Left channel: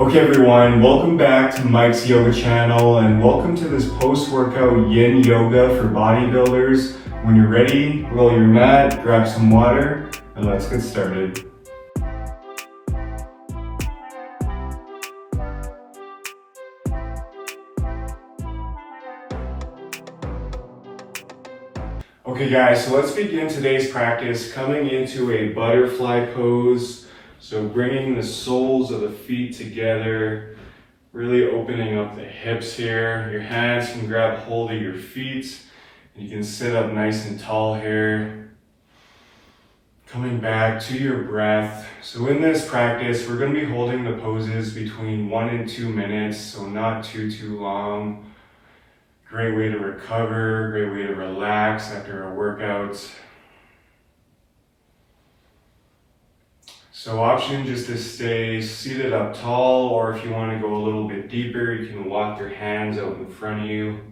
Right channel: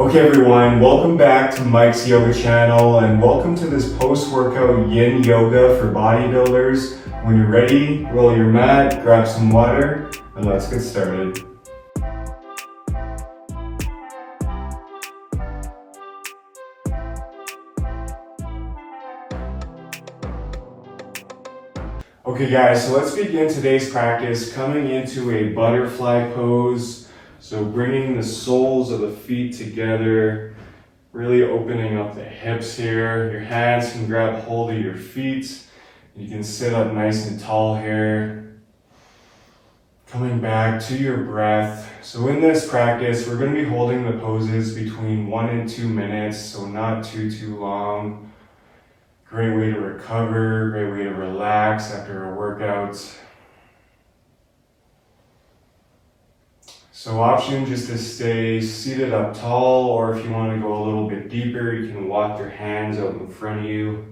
Okay everyone, welcome back to Mike's Yoga channel and welcome to this post-workout Yin Yoga for bodybuilders. When you're ready, roll your mat, grab some water, and let's get started. Okay guys, so let's begin today's practice coming into a butterfly pose. So bringing the soles of the feet together, really opening up the hips here. Your hands can grab hold of your feet. You can sit up nice and tall here. Coming back to your breath. So in this practice, we're going to be holding the poses between 1 and 2 minutes, so not too long. Great way to recover, great way to relax after our workouts. So option just to stay seated up tall, or if you want to go a little bit deeper, you can walk your hands out in front of you.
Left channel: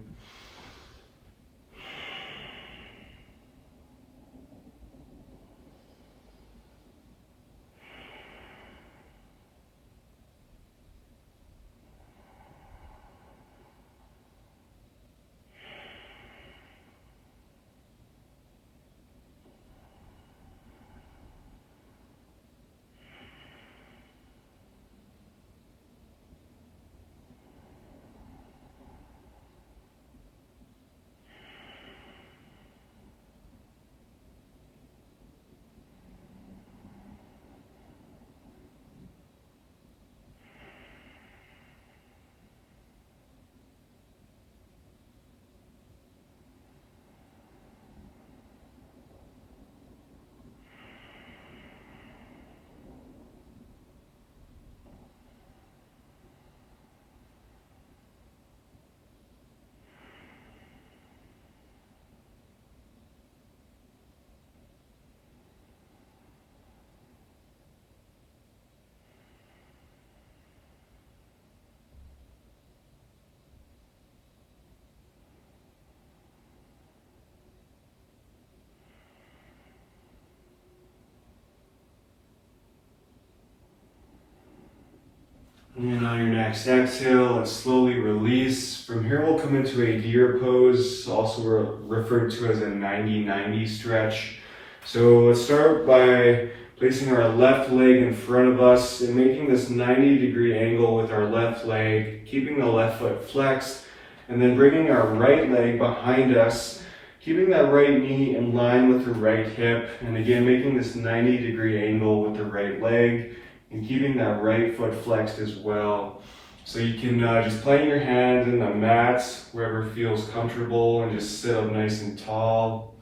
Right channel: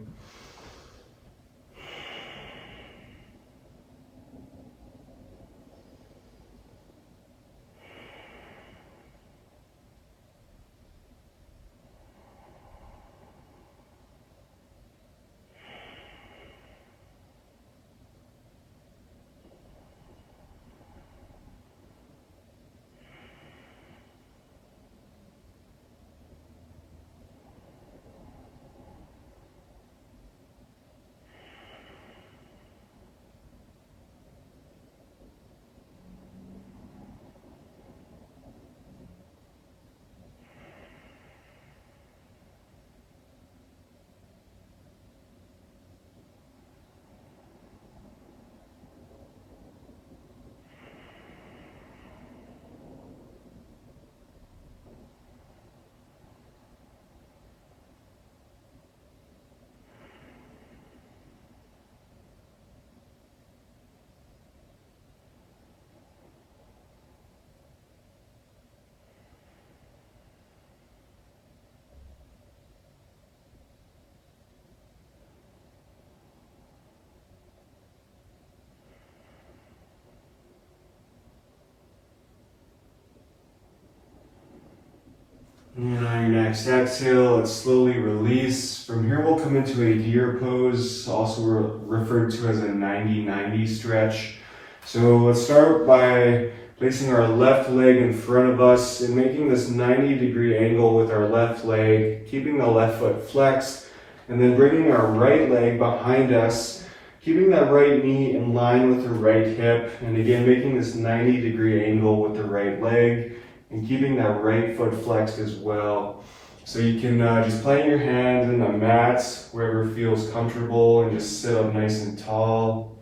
And on your next exhale, let's slowly release. From here, we'll come into a deer pose, also referred to as a 90-90 stretch. So let's start by placing our left leg in front of us and making this 90-degree angle with our left leg, keeping the left foot flexed, and then bringing our right leg behind us, keeping that right knee in line with the right hip, and again, making this 90-degree angle with the right leg, and keeping that right foot flexed as well. So you can just plant your hands in the mats wherever feels comfortable and just sit up nice and tall.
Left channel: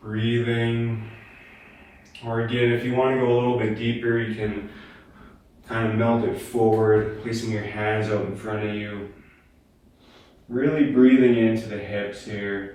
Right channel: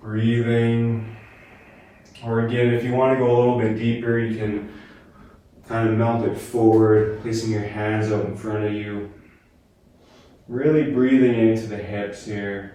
Breathing. Or again, if you want to go a little bit deeper, you can kind of melt it forward, placing your hands up in front of you. Really breathing into the hips here.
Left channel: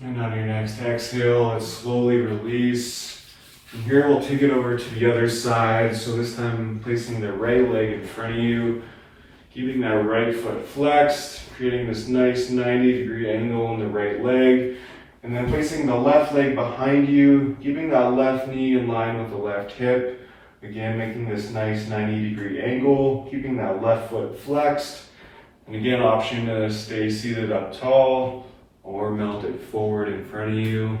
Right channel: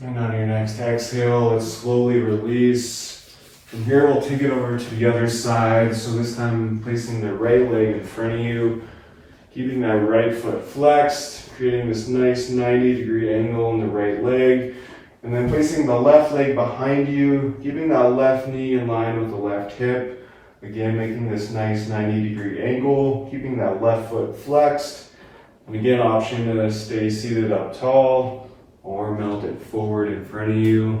And on your next exhale, let's slowly release. From here, we'll take it over to the other side. So this time, placing the right leg in front of you, keeping that right foot flexed, creating this nice 90-degree angle in the right leg. And then placing the left leg behind you, keeping that left knee in line with the left hip. Again, making this nice 90-degree angle, keeping that left foot flexed. And again, option to stay seated up tall or mount it forward in front of you.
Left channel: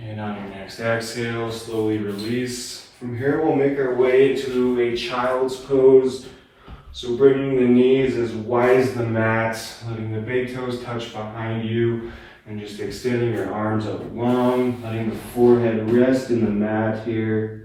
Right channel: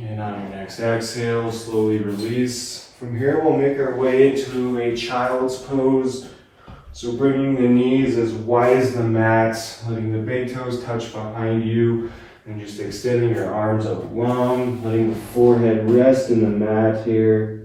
And on your next exhale, slowly release. From here, we'll make our way into a child's pose. So bringing the knees as wide as the mat, letting the big toes touch behind you, and just extending your arms up long, letting the forehead rest in the mat here.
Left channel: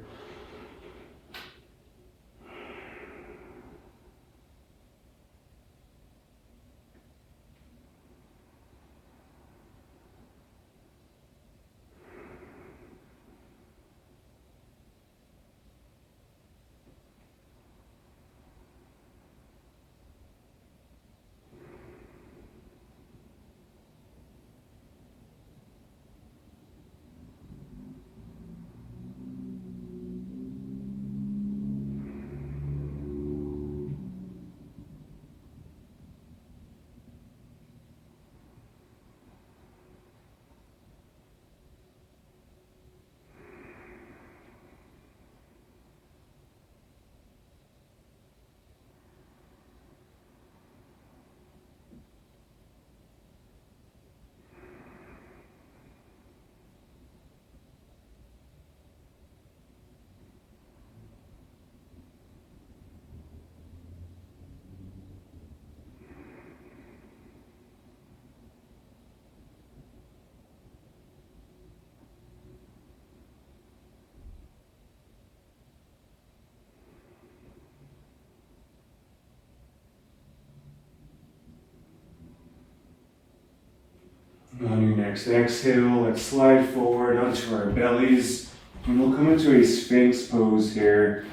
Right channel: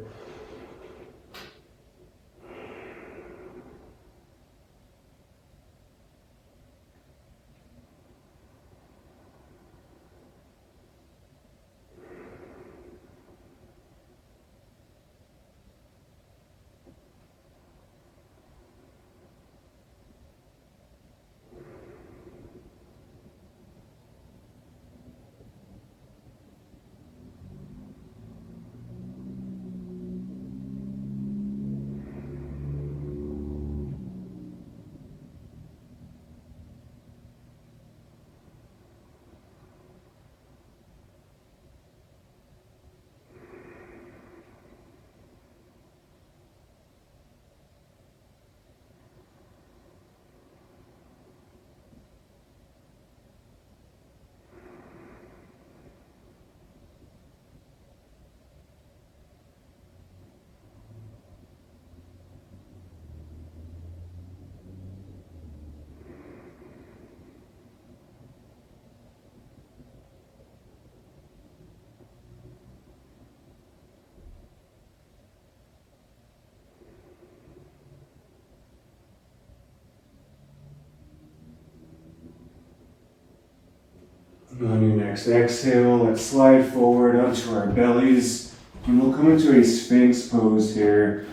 On your next exhale, let's slide forward onto our bellies. And we'll come into a Sphinx pose here.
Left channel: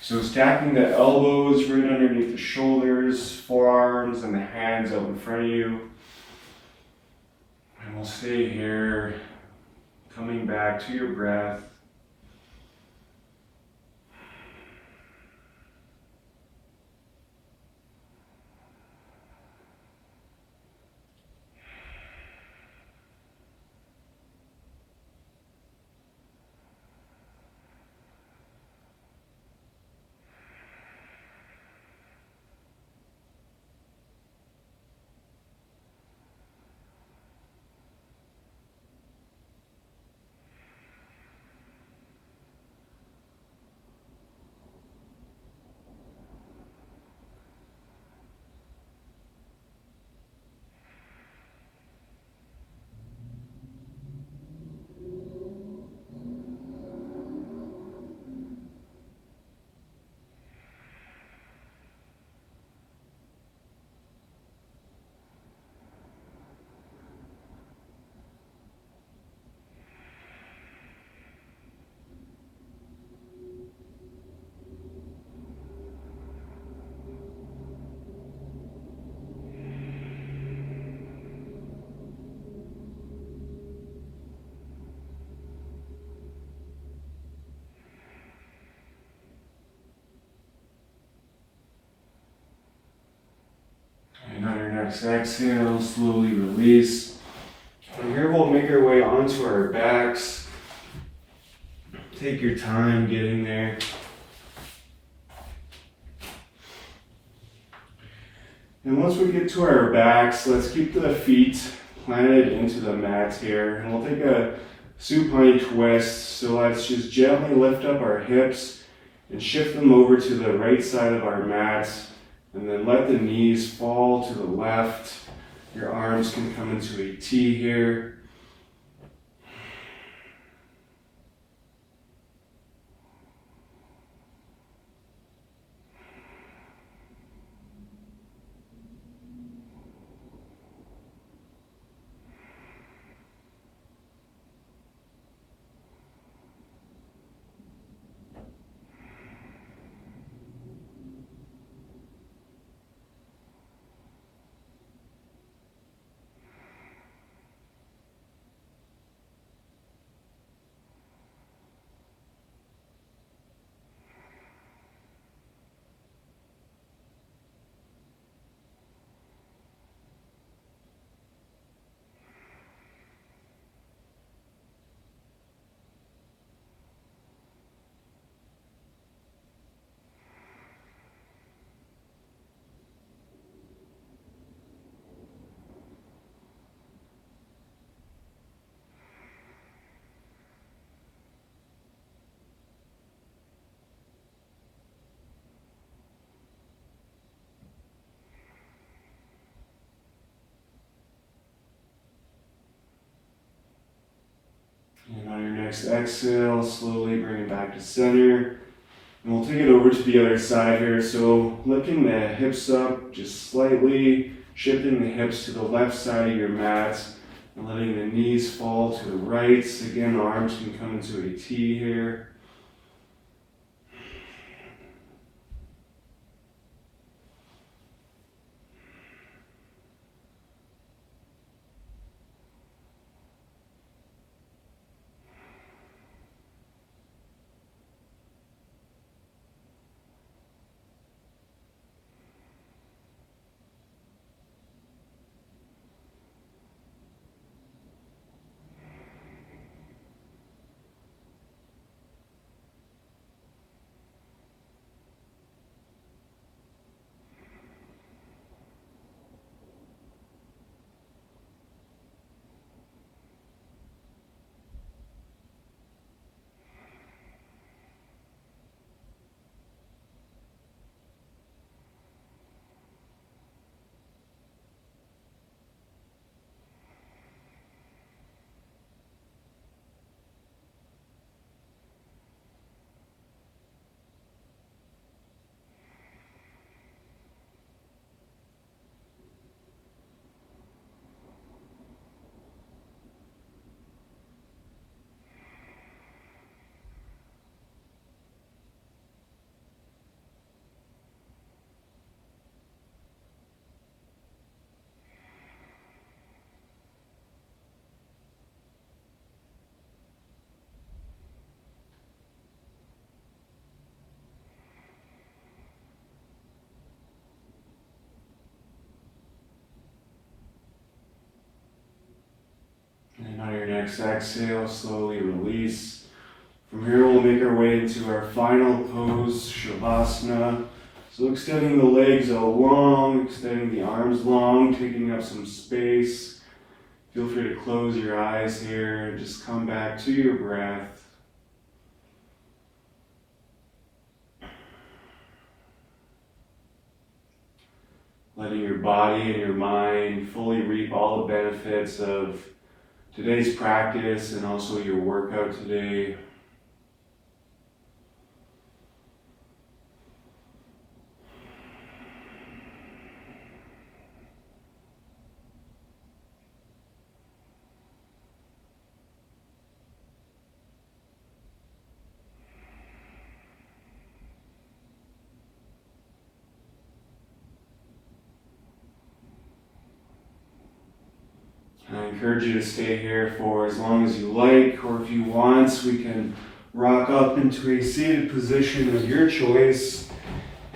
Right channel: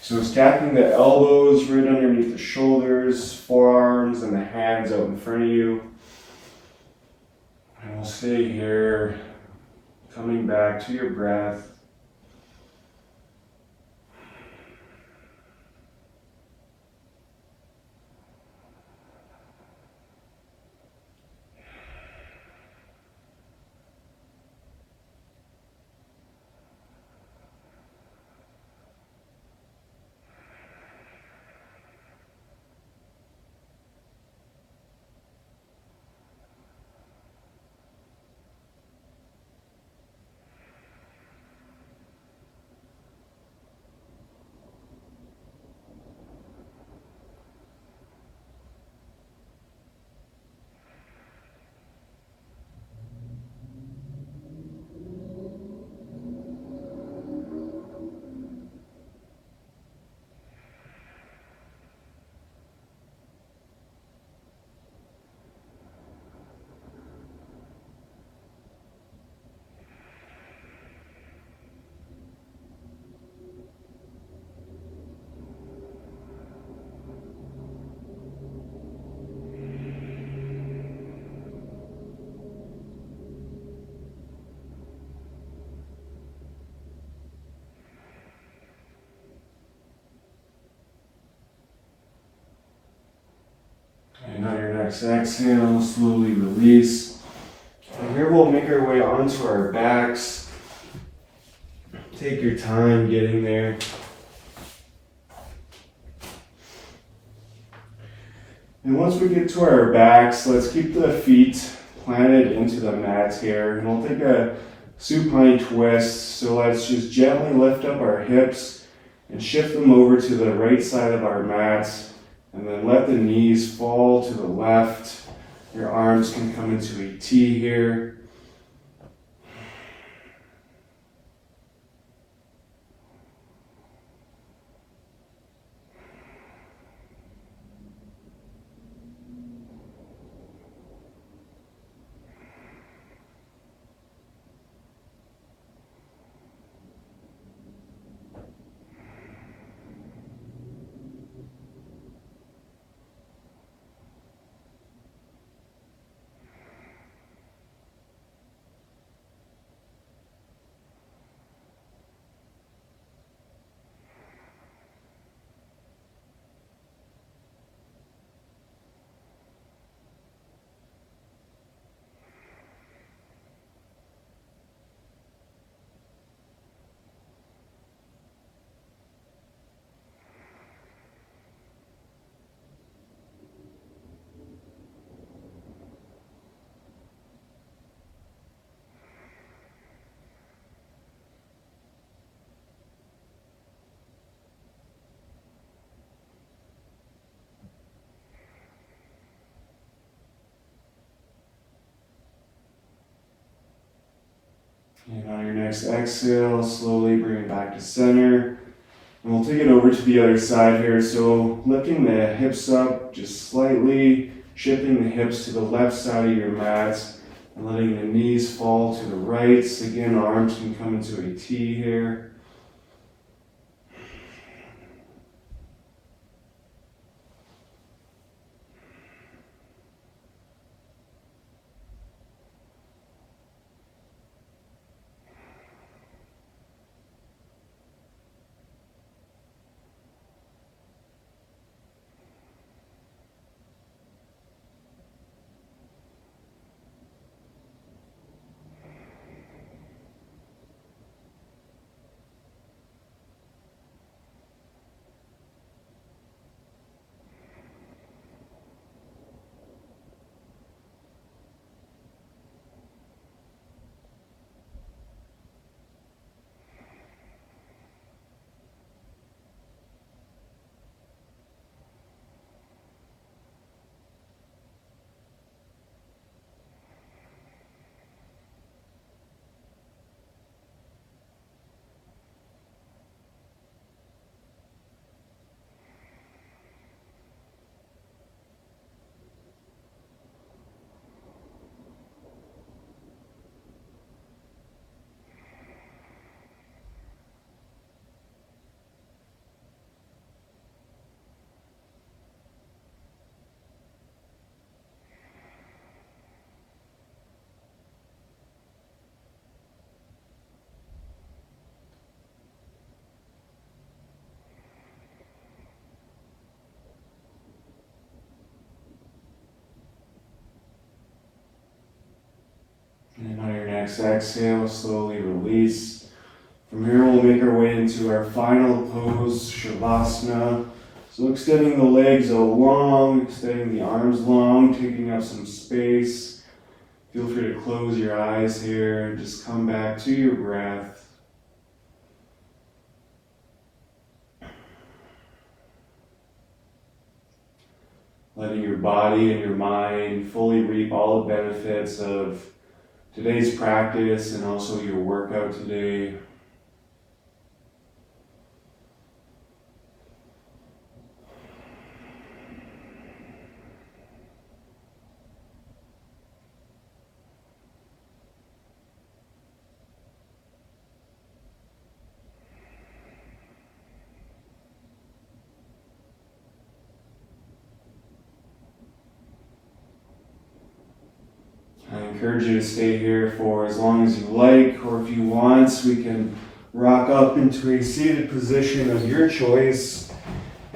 So stacking the elbows right underneath the shoulders, forearms, and the hands out in front of you. And we'll stay here, coming back to your breath. next exhale, slowly release. From here, we'll make our way onto our backs. Take your time getting there. And once we get to our backs, let's keep the feet planted into the mat here. And we'll take a supine twist. So let's just gently lift up our hips and shift them over to the right side of our mat. And then let the knees fall to the left. Your arms can come into a T here. And on your next exhale, slowly bring it back to center. And we'll take it over to the other side here. So lifting the hips up just slightly, shifting the hips to the left side of your mat, and letting the knees fall to the right. Again, arms can come into a T here. And on your next exhale, slowly release. From here, we'll make our way into our final pose, Shavasana. So extending the legs out long, extending the arms long, taking up some space. Feel free to close your eyes here and just come back to your breath. Letting your body and your mind fully reap all the benefits of today's practice and also your workout today. I encourage you to stay here for as long as you like, or if you want, we can rock up into a seated position of your choice.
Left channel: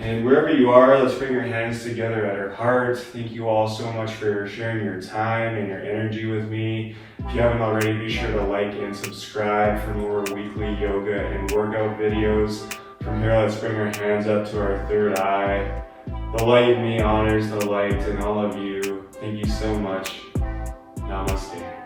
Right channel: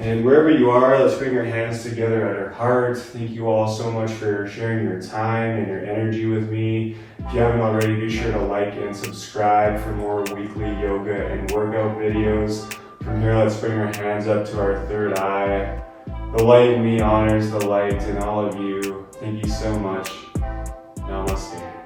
And wherever you are, let's bring our hands together at our heart. Thank you all so much for sharing your time and your energy with me. If you haven't already, be sure to like and subscribe for more weekly yoga and workout videos. From here, let's bring our hands up to our third eye. The light in me honors the light in all of you. Thank you so much. Namaste.